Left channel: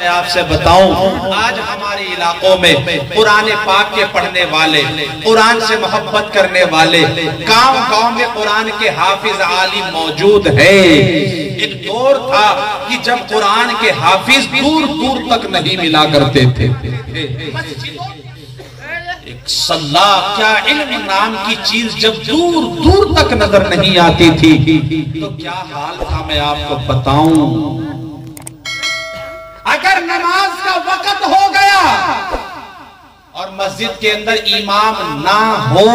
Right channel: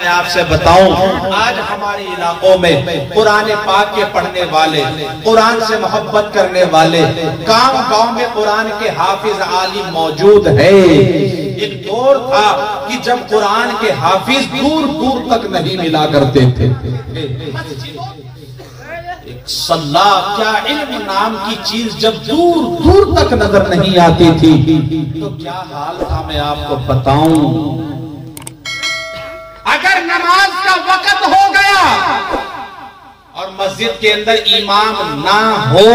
میں آپ سے بتاؤں، آج ہمارے علاقوں میں قرآن پاک کے پڑھنے والے، قرآن سے محبت کرنے والے، گاؤں گاؤں میں قرآن کے حافظ عالم موجود ہیں۔ ایک دور تھا کہ جب قرآن کے حافظ دور دور تک نہیں ملا کرتے تھے۔ صلاح کیا علم نام کی چیز جب دور دور تک نظر نہیں آتی تھی تو کیا حال تھا میں آپ کو بتاؤں۔ اگر نماز کا وقت ہو گیا اور مسجد کے اندر امام نہ ہو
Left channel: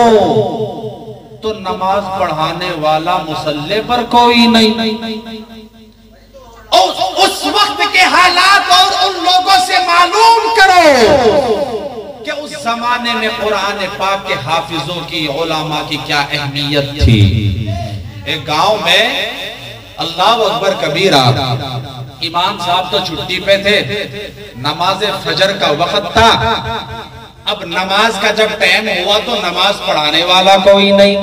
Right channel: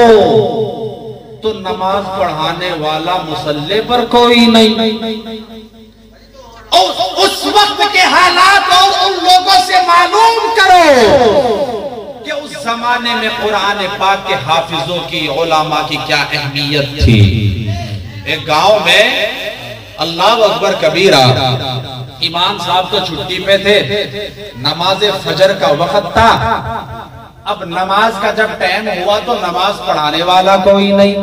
تو نماز پڑھانے والا مصلی پر کوئی نہیں۔ اس وقت کے حالات اور ان لوگوں سے معلوم کرو کہ اس زمانے میں قرآن پاک کے حافظوں کی، علماء کی کیا اہمیت تھی۔ ایک گاؤں میں اللہ اکبر کبیرہ، امام صاحب تو چھٹی پہ تھے، نماز فجر کا وقت تھا۔ اب نماز کا جب ٹائم ہوا تو نماز پڑھانے والا کوئی نہیں۔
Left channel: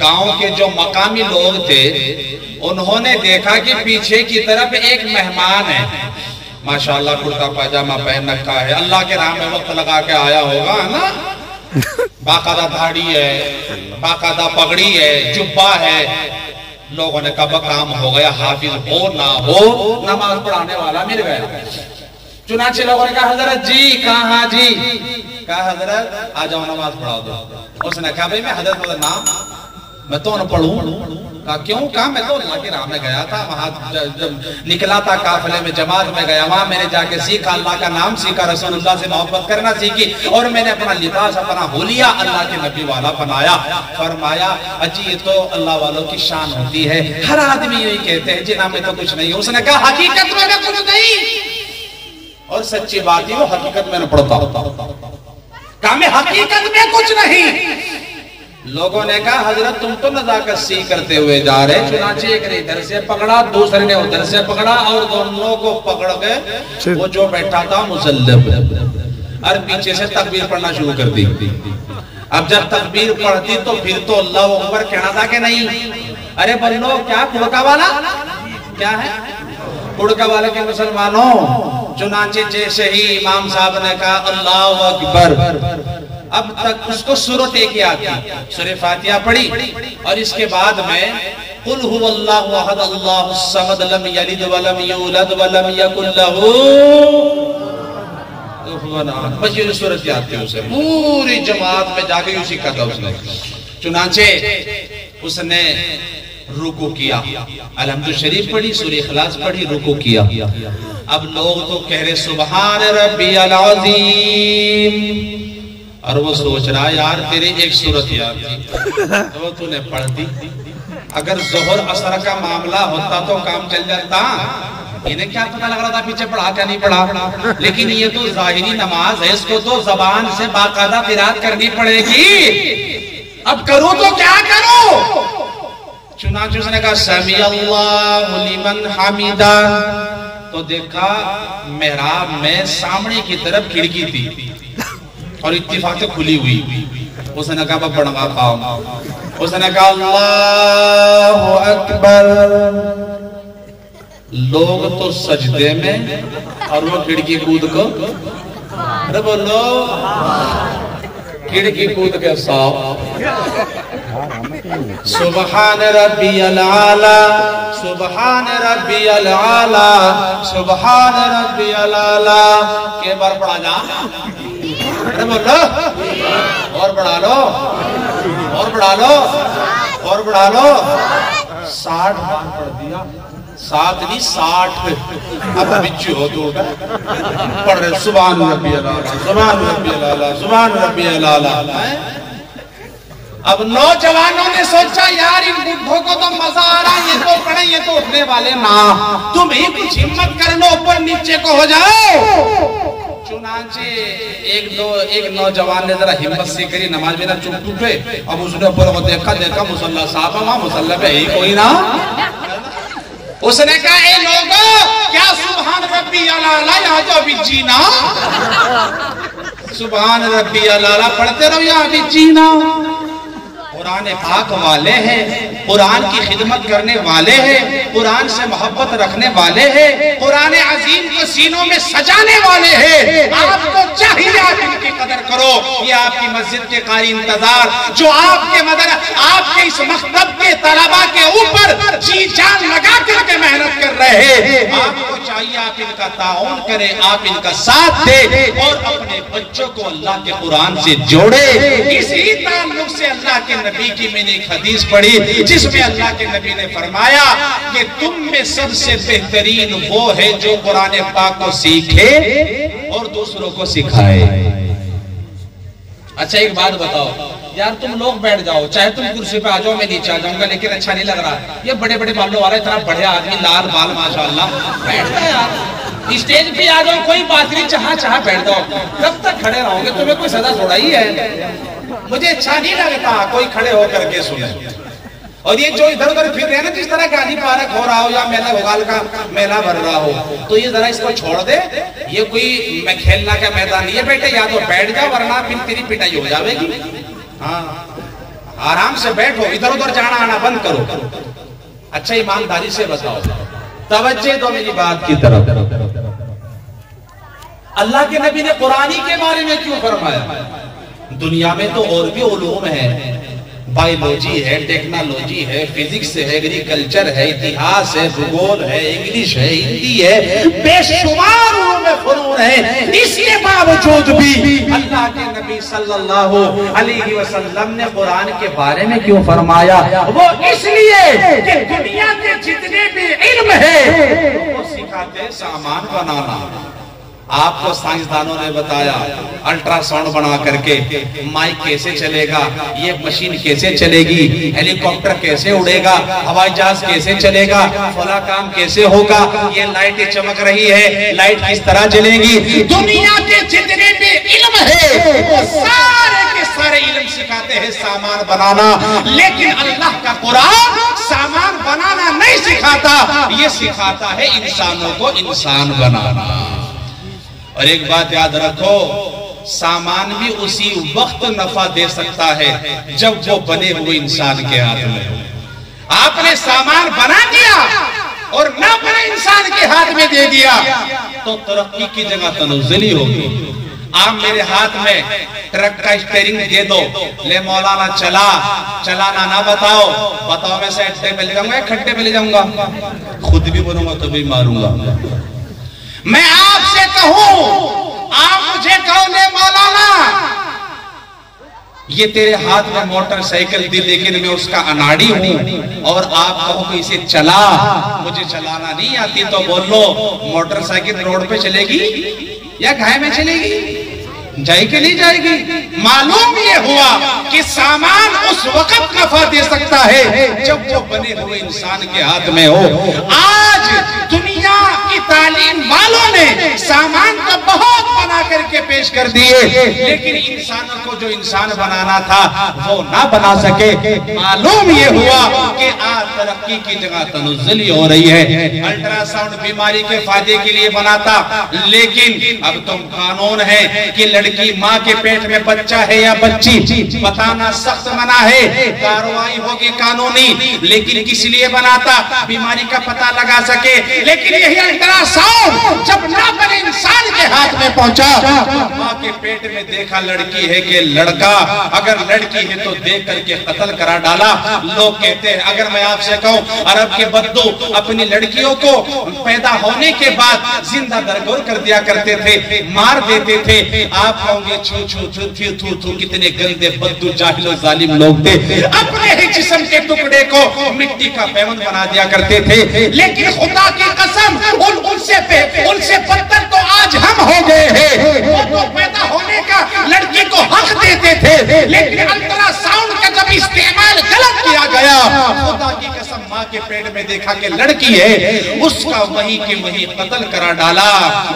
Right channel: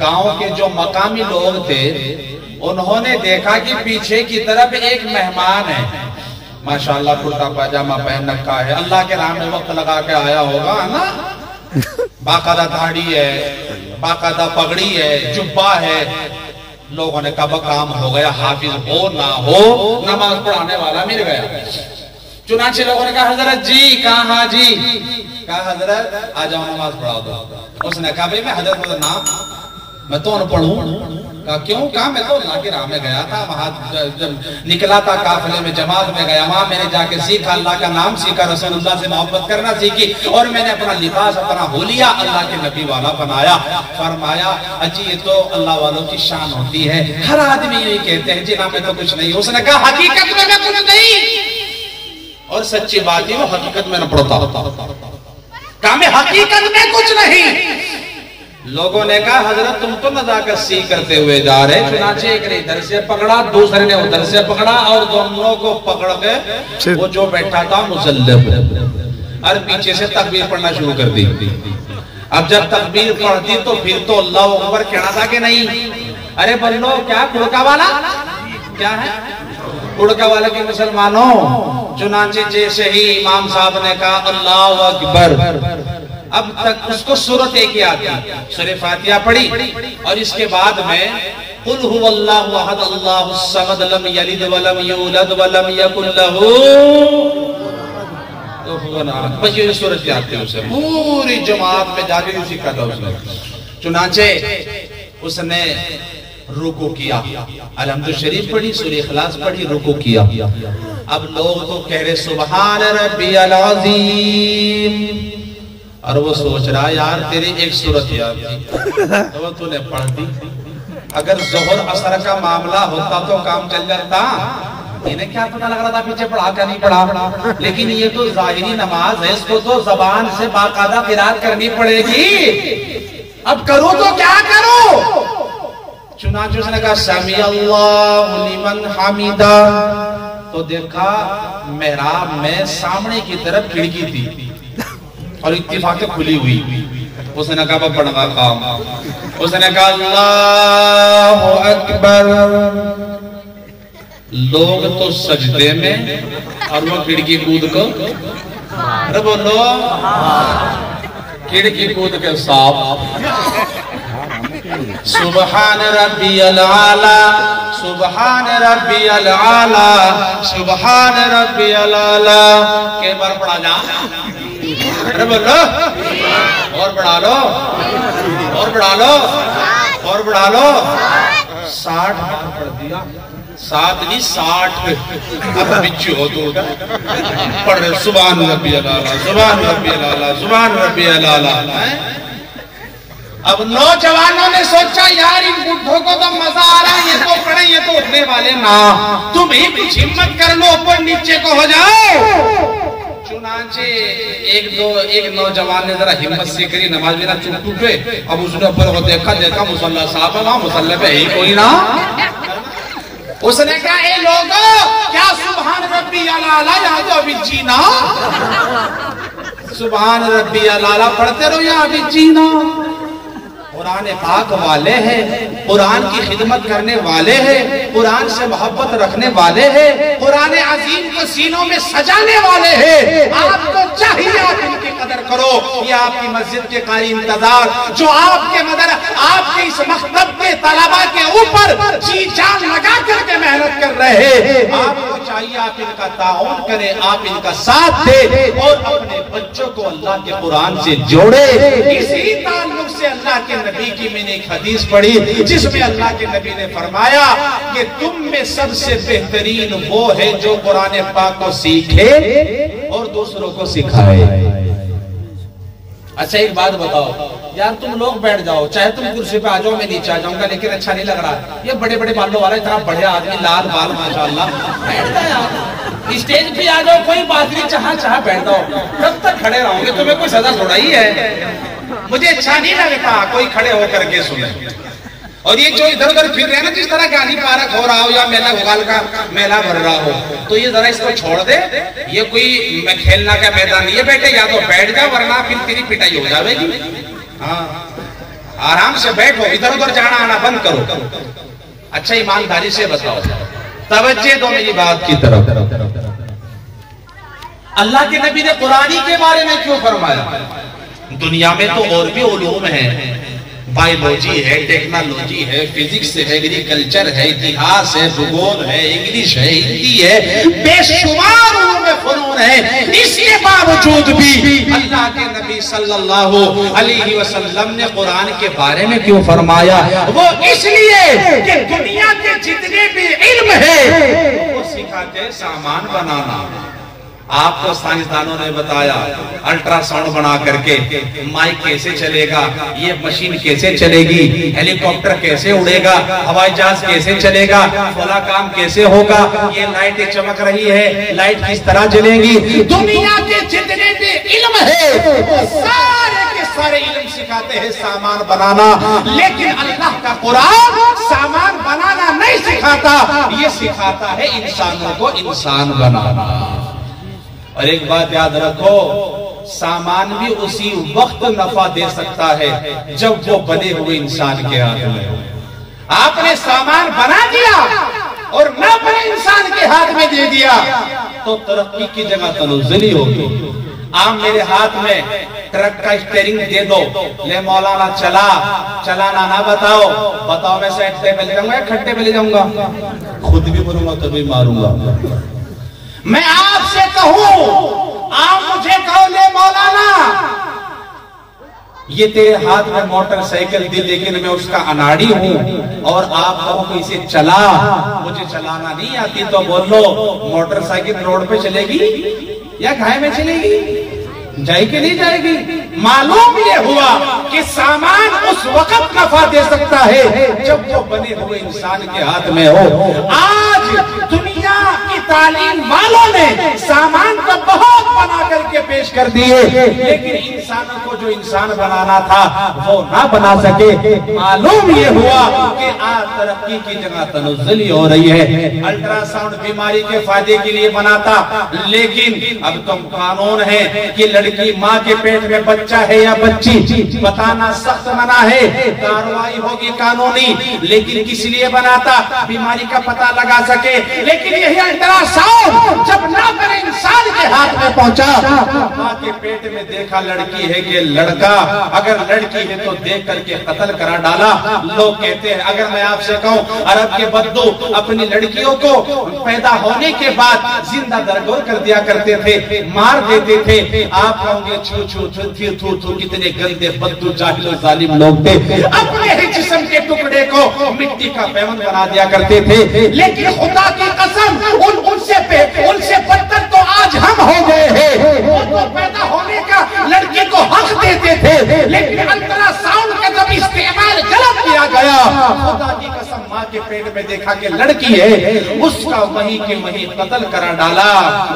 گاؤں کے جو مقامی لوگ تھے انہوں نے دیکھا کہ پیچھے کی طرف ایک مہمان ہے، ماشاءاللہ کرتا پاجامہ پہن رکھا ہے، اللہ کے راہ میں وقت لگا کے آیا ہوگا نا، باقاعدہ داڑھی ہے، باقاعدہ پگڑی ہے، جبہ ہے۔ لوگوں نے کہا کام ہو گیا، حافظ ہو نہ ہو نماز پڑھانے والا مل گیا۔ چنانچہ لوگوں نے کہا حضرت جی، کہاں جی؟ کہا حضرت آ جاؤ نماز پڑھا دو۔ اس نے کہا بھئی میں حضرت میں تو نہ پڑھوں۔ کہا کیوں؟ کہا میں تو اللہ کی راہ میں گیا تھا، وہاں جب نکلا تھا قافلے میں، جماعت میں گیا، وہاں میں نے جا کے سیکھا، اللہ کا نام سیکھا، رسول اللہ سے محبت کرنا سیکھی، اور میں نے اپنا لباس اپنا ہو لیا، اللہ کے نبی والا بنایا۔ فرمایا اجی یہ تو اللہ والوں کی شان ہوتی ہے، ہر آدمی یہی کہتے ہیں جنہاں میں تو کچھ نہیں۔ اس نے کہا حقیقت میں کچھ نہیں، اور سچی بات ہے وہ حقیقت میں نہ پڑھتا۔ کہا میں حقیقت میں کچھ نہیں۔ لوگوں نے کہا حضرت تم تو نزاکت سیکھ کرتے ہوئے جا رہے۔ چنانچہ ایک نے ادھر سے پکڑا، دوسرے نے ادھر سے پکڑا، اور دونوں کو پکڑ کے وہ جو بیٹھا تھا مصلی پہ، اور پیچھے سے تکبیر پڑھنا شروع کر دی۔ اب جب تکبیر پڑھتی تو پھر تو اللہ اکبر کہنا تھا کہ نہیں؟ ارے بلو کیا کڑکا والا کیا ہے؟ کڑکا والا کے مسلمانوں۔ چنانچہ جیسے ہی امام صاحب نے کہا اللہ اکبر، اب تک اس کو سورت ایک یاد تھی، سورہ فاتحہ پڑھی، اور اس کے بعد میں قل هو اللہ احد اللہ الصمد لم یلد ولم یولد ولم یکن لہ کفوا احد، بس یہ سورت یاد تھی اسے، پوری جماعت میں جا کے یہ سیکھا تھا اس نے۔ چنانچہ اس نے رکوع کیا، الحمد شریف پڑھی، سورہ اخلاص پڑھی، رکوع کیا۔ اب لوگ تو کہہ رہے سبحان ربی العظیم، اور وہ سوچ رہا یار تیری ایک سورت یاد تھی تو تو نے پڑھ دی، اگر ظہر عصر کا معاملہ ہوتا تو کام چل جاتا۔ انہیں کیا پتہ لگ رہا تھا پیچھے پڑھا کیا نہیں پڑھا، لیکن یہ تو ظاہری نماز ہے، اس کو تو زبان سے باقاعدہ قرات کرنی پڑے گی، اب کرو تو کیا کرو۔ چنانچہ اس نے کہا سمیع اللہ لمن حمیدہ، تو دیکھا محراب میں سامنے کی طرف کھڑکی تھی اور اتفاق سے کھلی ہوئی۔ اس نے کہا بڑھا قام، اس نے کہا اللہ اکبر، لوگ تو سجدے میں اور وہ کھڑکی کود کو، ارے بولو کھڑکی کود کے ساتھ سبحان ربی العالی سبحان ربی العالی سبحان ربی العالی کے بار پڑھا جا، ارے بولو اور بڑھا لو اور بڑھا لو اور بڑھا لو، 60 بار پڑھ دیا، 7 نہیں 60۔ اب بچی ہو تو پڑھ رہے سبحان ربی العالی سبحان ربی العالی سبحان ربی العالی۔ اب نوجوانوں نے سوچا یار ان بڈھوں کو تو مزہ آ رہا ہے، یہ تو پڑھیں یہ تو اٹھنے والے نا، تم ہی کچھ ہمت کر لو، اوپر نیچے کو ہو جاؤ۔ چنانچہ ایک نوجوان نے ذرا ہمت سے کری، نماز میں نہ چوٹ ٹوٹے، اب اس نے اوپر کو دیکھا مصلی صاحب ہے، وہاں مصلی پہ ہی کوئی نہ۔ اس نے کہا اے لوگوں کیا سبحان ربی العالی یہاں تو ابھی جینا، سبحان ربی العالی پڑھتے رہو یہاں ابھی جینا۔ قرآن پاک والے ہیں، قرآن کی خدمت کرنے والے ہیں، قرآن سے محبت رکھنے والے ہیں، قرآن عظیم کو سینوں میں سجانے والے ہیں، آپ کو چاہیے آپ ان کی قدر کرو۔ یہ آپ کی مسجد کے قاری انتظار جو آپ کے اس مکتب کے طلباء کے اوپر جی جان لگا کر کے محنت کر رہے ہیں، آپ کو چاہیے آپ ان کا تعاون کریں، آپ ان کا ساتھ دیں اور اپنے بچوں کو اللہ کے قرآن سے جوڑے۔ اسی تعلق سے اللہ کے نبی کی میں نے ایک حدیث پڑھی جس میں اللہ کے نبی نے فرمایا کہ تم میں سب سے بہترین وہ ہے جو قرآن پاک کو سیکھے اور دوسروں کو سکھائے۔ اچھا ایک بات بتاؤ یار، تم لوگ بیٹھ جاؤ، چاہے تم کرسی پہ آ جاؤ، میں نیچے آ جاؤں گا، لیکن اچھا نہیں لگ رہا۔ یہ بڑے بڑے بالوں والا اتنا بڑھیا آدمی، لال بال ماشاءاللہ، بیٹھ جاؤ یار، اسٹیج پہ آ جاؤ، کوئی بات نہیں، چاہا بیٹھ جاؤ۔ کب تک کھڑے رہو گے؟ تمہیں کوئی سزا تھوڑا ہی ہے؟ مجھے اچھا نہیں لگتا کوئی کھڑے ہو کر کے سنے۔ اور یہ جو ادھر ادھر پھر رہے ہیں نا، جس طرح گاندھی پارک ہو رہا ہو یا میلہ گوگال کا میلہ بھر رہا ہو، تو یہ ذرا اس کو چھوڑ دے، یہ کوئی کھیلنا کا میدان نہیں ہے بیٹے، یا تو بیٹھ جا ورنہ پھر تیری پٹائی ہو جاوے گی۔ ہاں آرام سے بیٹھو، ادھر ادھر جانا آنا بند کرو۔ اچھا ایمانداری سے بتاؤ، توجہ دو میری بات کی طرف۔ اللہ کے نبی نے قرآن کے بارے میں کیوں فرمایا؟ دنیا میں تو اور بھی علوم ہیں، بایولوجی ہے، ٹیکنالوجی ہے، فزکس ہے، ایگریکلچر ہے، اتہاس ہے، بھگول ہے، انگلش ہے، ہندی ہے، بے شمار علوم فنون ہے۔ اس کے باوجود بھی اللہ کے نبی صلی اللہ علیہ وسلم نے قرآن کے بارے میں کیوں فرمایا؟ وہ اس لیے کہ دنیا کے جتنے بھی علم ہے وہ سکھاتے ہیں سامان بنانا۔ آپ کو سائنسدانوں نے بتایا الٹرا ساؤنڈ بنا کر کے مائک کیسے چلے گا، یہ مشین کیسے چلے گی، ہیلی کاپٹر کیسے اڑے گا، ہوائی جہاز کیسے چلے گا، فلاں کام کیسے ہوگا، یہ لائٹیں چمک رہی ہے، لائٹ کس طرح جلے گی۔ دنیا کے جتنے بھی علم ہے وہ سارے کے سارے علم سکھاتے ہیں سامان بنانا، لیکن اللہ کا قرآن سامان بنانا نہیں سکھاتا، یہ سکھاتا ہے انسانوں کو انسان بنانا۔ اور ایک بات یاد رکھو، سامان بھی اسی وقت نفع دے سکتا ہے جب وہ بنے ہوئے انسان کے ہاتھ میں ہو۔ آپ نے سامان بنا دیا اور نہ بنے انسان کے ہاتھ میں دے دیا تو ترقی کی جگہ تنزلی ہوگی۔ آپ میرے ہاتھ میں ٹرک کا اسٹیئرنگ دے دو، لے مولانا چلانا نہ بتاؤ میں سے اٹھے پہ لے جاؤں گا یا کھٹے پہ لے جاؤں گا، خود بھی بنوں گا کبھی ماروں گا۔ میں آپ سے کہوں، آپ مجھے کہو لے مولانا یہ تیرے ہاتھ میں موٹر سائیکل دی لیکن میں اس کا اناڑی ہوں، اور آپ کہو کہ اسے چلا، مجھے چلانا نہیں آتی، تو بول لو موٹر سائیکل روڈ پہ چلے گی یا گھائے میں چلے گی؟ جائے کہ نہیں جائے گی؟ معلوم یہ ہوا کہ سامان اس وقت نفع دے سکتا ہے جب وہ بنے ہوئے انسان کے ہاتھ میں ہو۔ آج دنیا کی تعلیم والوں نے سامان کو بہت بنا کر کے پیش کر دیے، لیکن انسانوں کو جو انسان بنانا تھا وہ نہ بنا سکے۔ معلوم یہ ہوا کہ آج ترقی کی جگہ تنزلی ہو رہی ہے۔ الٹرا ساؤنڈ بیماری کے فائدے کے لیے بناتا، لیکن اب تم قانون ہے کہ لڑکی ماں کے پیٹ میں بچہ ہے یا بچی بتانا سخت منع ہے، کارروائی ہوگی قانونی، لیکن کس لیے بناتا؟ بیماری کا پتہ لگا سکے۔ لیکن یہی الٹرا ساؤنڈ جب نابالغ انسان کے ہاتھ میں پہنچا، ماں کے پیٹ میں دیکھا لڑکی ہے کہ لڑکا، اگر لڑکی ہے تو دیکھ کر کے قتل کرا ڈالا۔ لوگ کہتے ہیں، اگر میں آپ سے کہوں عرب کے بدو اپنی لڑکیوں کو پیدا ہونے کے بعد زندہ درگور کر دیا کرتے تھے، مار دیتے تھے، آپ کہوں گے چھو چھو تھو تھو تھو کتنے گندے بدو جاہل و ظالم لوگ تھے، اپنے ہی جسم کے ٹکڑے کو مٹی کا پیوند بنا دیا کرتے تھے۔ لیکن خدا کی قسم ان سے بدتر تو آج ہم ہو گئے ہیں۔ وہ تو پیدا ہونے کا لڑکی کو حق دیتے تھے، لیکن الٹرا ساؤنڈ کا جب استعمال غلط کیا گیا، خدا کی قسم ماں کے پیٹ میں دیکھا کہ لڑکی ہے، اس کا وہی کے وہی قتل کرا ڈالا،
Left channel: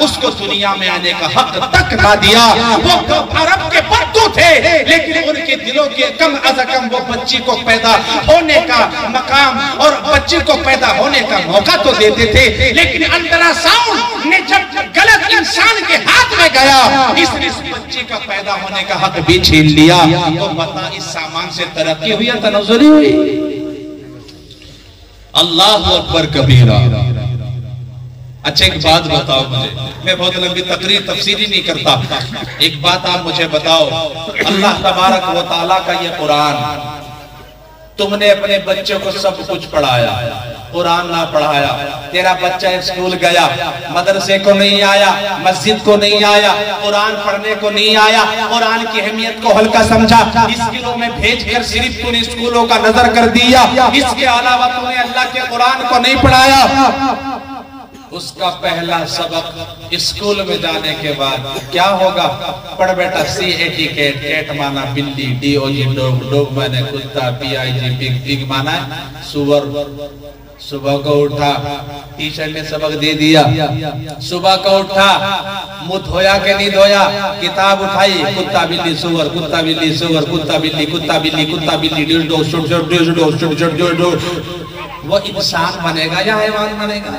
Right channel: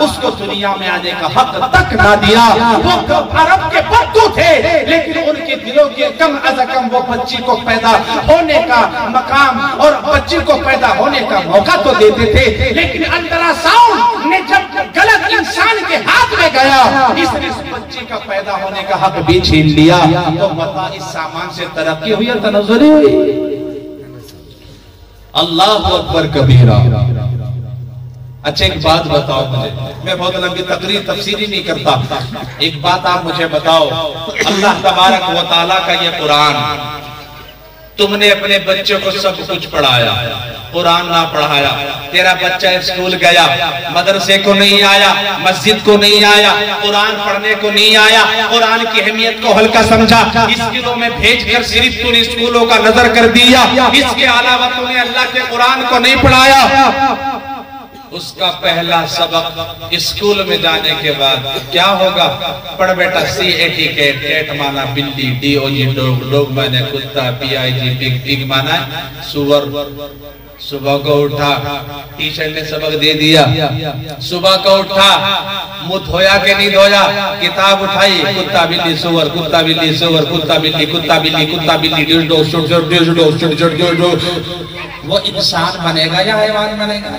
اس کو دنیا میں آنے کا حق تک نہ دیا۔ وہ عرب کے بدو تھے، لیکن ان کے دلوں کے کم از کم وہ بچی کو پیدا ہونے کا مقام اور بچی کو پیدا ہونے کا موقع تو دیتے تھے، لیکن الٹرا ساؤنڈ نے جب غلط انسان کے ہاتھ میں گیا، اس بچی کا پیدا ہونے کا حق بھی چھین لیا۔ تو بتا اس سامان سے ترقی ہوئی یا تنزلی ہوئی؟ اللہ اکبر کبیرہ۔ اچھا ایک بات بتاؤ مجھے، میں بہت لمبی تقریر تفسیری نہیں کرتا، ایک بات آپ مجھے بتاؤ، اللہ تبارک و تعالیٰ کا یہ قرآن، تم نے اپنے بچوں کو سب کچھ پڑھایا، قرآن نہ پڑھایا، تیرا بچہ اسکول گیا، مدرسے کو نہیں آیا، مسجد کو نہیں آیا، قرآن پڑھنے کو نہیں آیا، قرآن کی اہمیت کو ہلکا سمجھا، اسکولوں میں بھیج کر صرف تو نے اسکولوں کا نظر کر دیا، اس کے علاوہ تو نے اللہ کے قرآن کو نہیں پڑھایا۔ اس کا پہلا سبق اسکول میں جانے کے بعد کیا ہوگا؟ پڑھ بیٹا CAT کیٹ مانا بلی، DOG ڈوگ، ڈوگ مانے کتا، PIG پگ، پگ مانا سور۔ صبح کو اٹھا، ٹیچر نے سبق دے دیا، صبح کو اٹھا، منہ دھویا کہ نہیں دھویا، کتاب اٹھائی، کتا بلی سور، کتا بلی سور، کتا بلی، کتا بلی، کتا بلی، ڈیڑھو ڈیڑھو، وہ انسان بنے گا یا حیوان بنے گا؟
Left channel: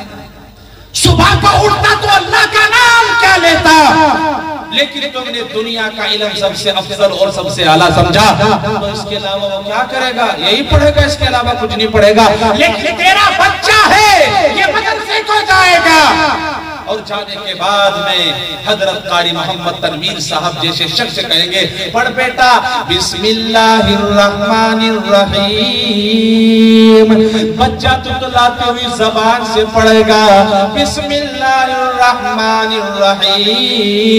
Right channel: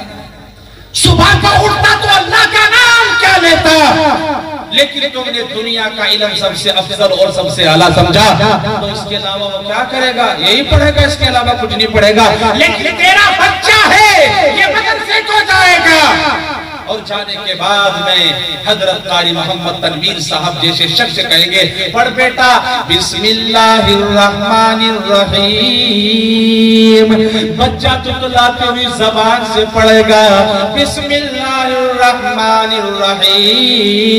صبح کو اٹھتا تو اللہ کا نام کیا لیتا، لیکن تم نے دنیا کا علم سب سے افضل اور سب سے اعلیٰ سمجھا، تو اس کے علاوہ وہ کیا کرے گا؟ یہی پڑھے گا، اس کے علاوہ کچھ نہیں پڑھے گا۔ لیکن تیرا بچہ ہے، یہ مدرسے کو جائے گا، اور جانے کے بعد میں حضرت قاری محمد تنویر صاحب جیسے شخص کہیں گے، پڑھ بیٹا بسم اللہ الرحمن الرحیم، بچہ تتلاتے ہوئی زبان سے پڑھے گا بسم اللہ الرحمن الرحیم۔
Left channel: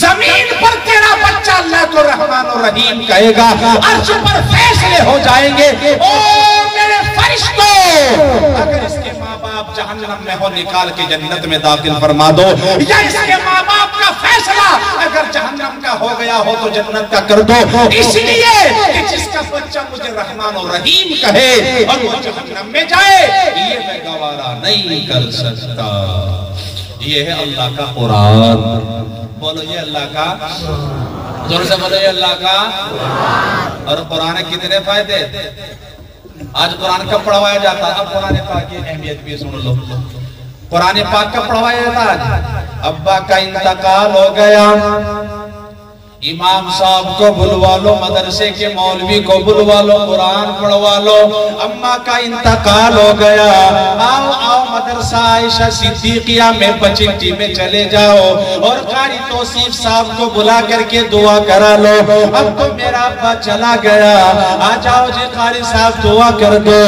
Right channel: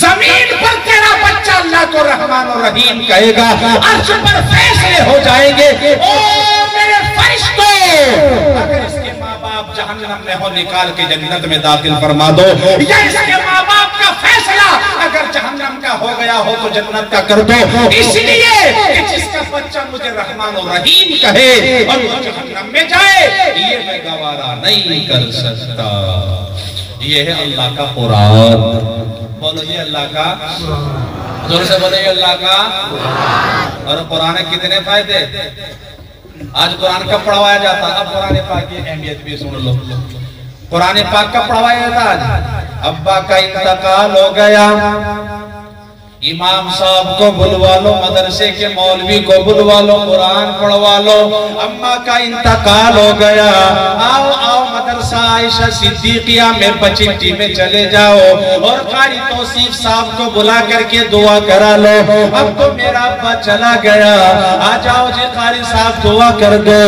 زمین پر تیرا بچہ اللہ کو رحمان الرحیم کہے گا، عرش پر فیصلے ہو جائیں گے، اور میرے فرشتوں اگر اس کے ماں باپ جہنم میں ہو نکال کے جنت میں داخل فرما دو، یا اس کے ماں باپ کا فیصلہ اگر جہنم کا ہو گیا ہو تو جنت کا کر دو، اس لیے کہ جس کا بچہ مجھے رحمان الرحیم کہے اور وہ جہنم میں جائے، یہ میں گوارا نہیں کر سکتا۔ یہ ہے اللہ کا قرآن۔ بولو یہ اللہ کا، زور سے بولو یہ اللہ کا۔ اور قرآن کتنے فائدے، آج قرآن کب پڑھوایا جاتا ہے؟ اب قرآن پاک کی اہمیت بھی سن لو، قرآن پاک کب پڑھوایا جاتا ہے؟ ابا کا انتقال ہو گیا، امام صاحب کو بلوا لو، مدرسے کے مولوی کو بلوا لو، قرآن پڑھوا لو۔ اماں کا انتقال ہو گیا، آؤ آؤ مدرسہ عائشہ صدیقیہ میں بچٹی میں چلے جاؤ، اور قاری توصیف صاحب کو بلا کر کے دعا کرا لو۔ اب تو میرا ابا چلا گیا، آ جاؤ جی قاری صاحب دعا کر دو۔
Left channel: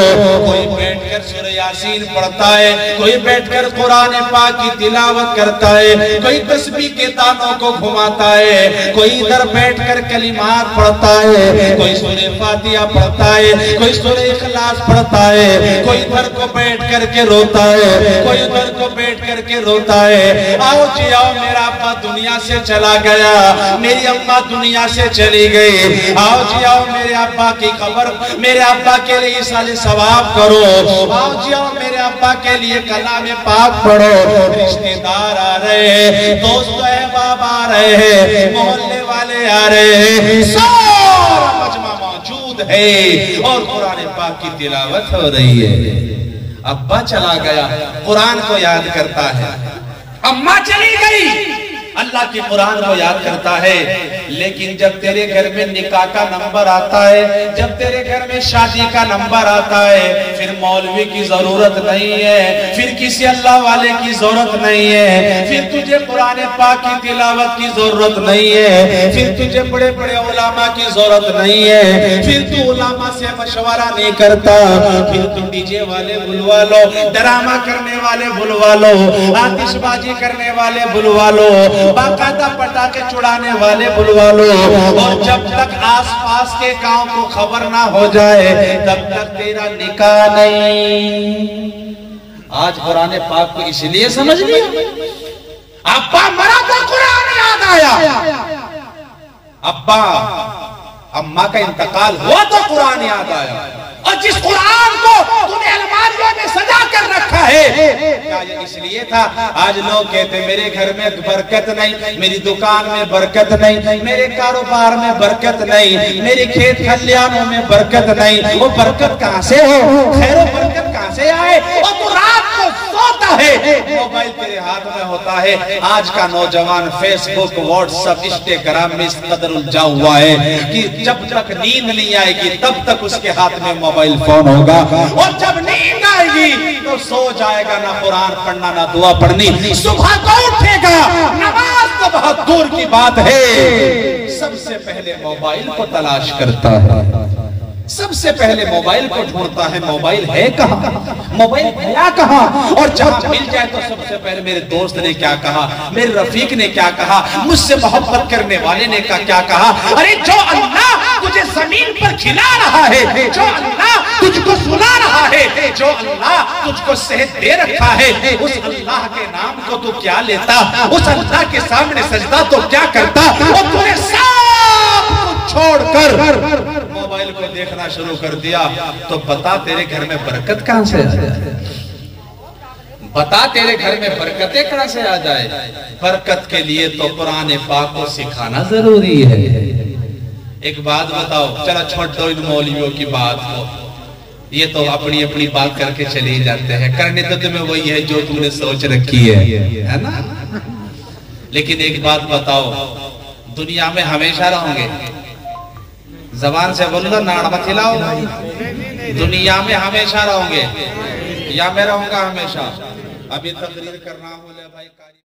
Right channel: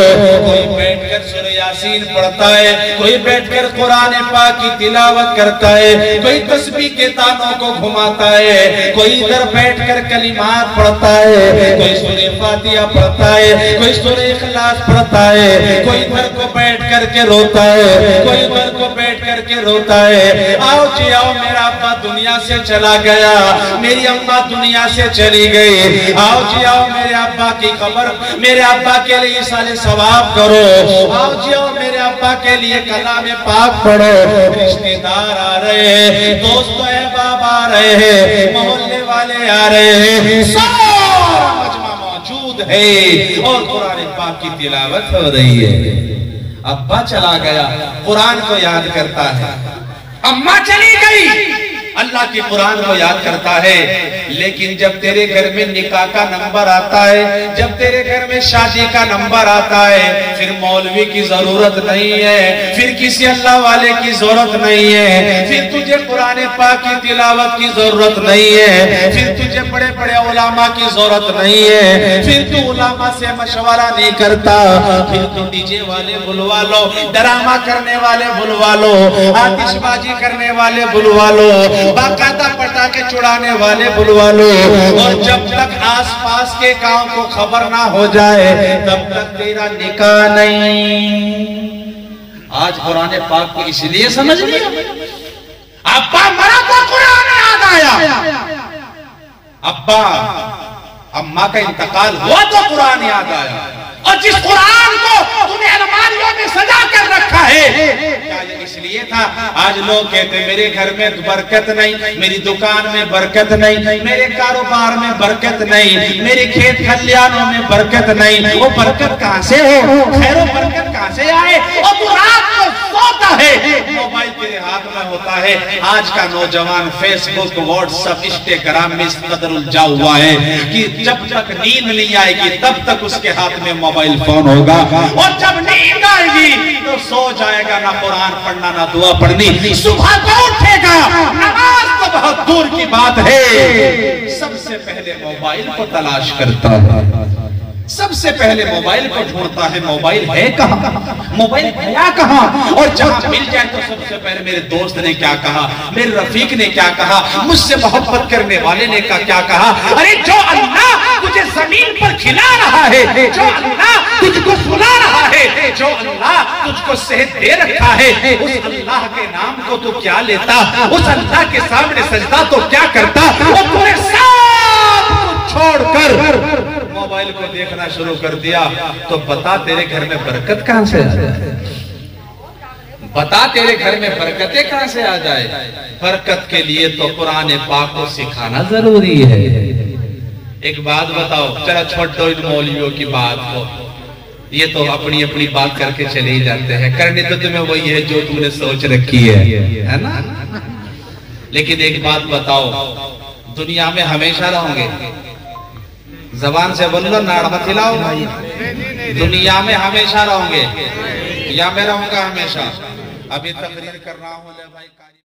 کوئی بیٹھ کر سورہ یاسین پڑھتا ہے، کوئی بیٹھ کر قرآن پاک کی تلاوت کرتا ہے، کوئی تسبیح کے تانوں کو گھماتا ہے، کوئی ادھر بیٹھ کر کلمات پڑھتا ہے، کوئی سورہ فاتحہ پڑھتا ہے، کوئی سورہ اخلاص پڑھتا ہے، کوئی ادھر کو بیٹھ کر کے روتا ہے، کوئی ادھر کو بیٹھ کر کے روتا ہے۔ آؤ جی آؤ، میرا ابا دنیا سے چلا گیا، میری اماں دنیا سے چلی گئی، آؤ جی آؤ میرے ابا کی قبر، میرے ابا کے لیے سال ثواب کرو، آؤ جی آؤ میرے ابا کے لیے کلام پاک پڑھو۔ رشتہ دار آ رہے ہیں، دوست احباب آ رہے ہیں، محلے والے آ رہے ہیں، سارا مجمع موجود ہے اور قرآن پاک کی تلاوت ہو رہی ہے۔ ابا چلا گیا، قرآن کو یاد کرتا ہے، اماں چلی گئی، اللہ کی قرآن کو یاد کرتا ہے۔ لیکن جب تیرے گھر میں نکاح کا نمبر آتا ہے، جب تیرے گھر میں شادی کا نمبر آتا ہے، پھر مولوی کی ضرورت نہیں ہے، پھر کسی اللہ والے کی ضرورت نہیں ہے، پھر تجھے قرآن پاک کی تلاوت کی ضرورت نہیں ہے، پھر تجھے بڑے بڑے علماء کی ضرورت نہیں ہے، پھر تو علماء سے مشورہ نہیں کرتا، پھر تو ڈی جے والے بلوا لو، ڈرامہ کرنے والے بلوا لو، آتش بازی کرنے والے بلوا لو، باقاعدہ پٹاخے چھڑانے والے بلوا لو، اور جب تک آس پاس کے گاؤں کو خبر نہ ہو جائے تب تک تیرا نکاح نہیں۔ آج قرآن پاک کو اس لیے سمجھ لیا، ابا مرا تو قرآن یاد آیا، ابا اماں کا انتقال ہوا تو قرآن یاد آیا، اور جس قرآن کو تم نے الماریوں میں سجا کر رکھا ہے، کیا یہ اس لیے تھا؟ آج لوگ کہتے میرے گھر میں برکت نہیں، میری دکان میں برکت نہیں، میرے کاروبار میں برکت نہیں، میرے کھیت کھلیانوں میں برکت نہیں۔ وہ برکت کہاں سے ہو؟ خیر و برکت کہاں سے آئے؟ اور تو رات کو سوتا ہے، وہ موبائل تیرے ہاتھ میں ہوتا ہے. آج کا نوجوان فیس بک واٹس ایپ انسٹاگرام میں اس قدر الجھا ہوا ہے کہ جب تک نیند نہیں آئے گی تب تک اس کے ہاتھ میں موبائل فون ہوگا, اور جب نیند آئے گی تو سو جائے گا, نہ قرآن پڑھنا نہ دعا پڑھنی. صبح کو اٹھے گا, نماز تو بہت دور کی بات ہے, سب سے پہلے موبائل کو تلاش کرتا ہے, سب سے پہلے موبائل کو ڈھونڈتا ہے. موبائل ہے کہاں, موبائل گیا کہاں, اور جہاں مل جائے تو سب سے پہلے میرے دوست نے کیا کہا, میرے رفیق نے کیا کہا, مجھ سے محبت کرنے والے نے کیا کہا. ارے جو اللہ تجھے زمین پر کھلا رہا ہے, جو اللہ تجھ کو سلا رہا ہے, جو اللہ تجھ کو صحت دے رکھا ہے, اس اللہ کے نام کو تو کیا لیتا, اس اللہ کے سامنے سجدہ تو کیا کرتا, اور تمہیں سب کچھ چھوڑ کر موبائل کو دیکھنا شروع کر دیا. تو بتا تیرے گھر میں برکت کہاں سے آ جائے, بتا تیرے گھر میں برکتیں کہاں سے آ جائے. برکت کے لیے تو قرآن پاک کو سکھانا ضروری ہے. ایک بات بتاؤ, چلا چھوڑ دو ان مولویوں کی بات کو, یہ تو اپنی اپنی بات کر کے چلے ہی جاتے ہیں, کرنے تو تمہیں وہی ہے جو تم نے سوچ رکھی ہے نا. لیکن ایک بات بتاؤ, دنیا میں ہمیشہ رہوں گے, زبان سے بولو ناڑ مت ہلاؤ, دنیا میں ہمیشہ رہوں گے یا میں رہوں گا ہمیشہ. ابھی تقریر کرنا ہو لے بھائی.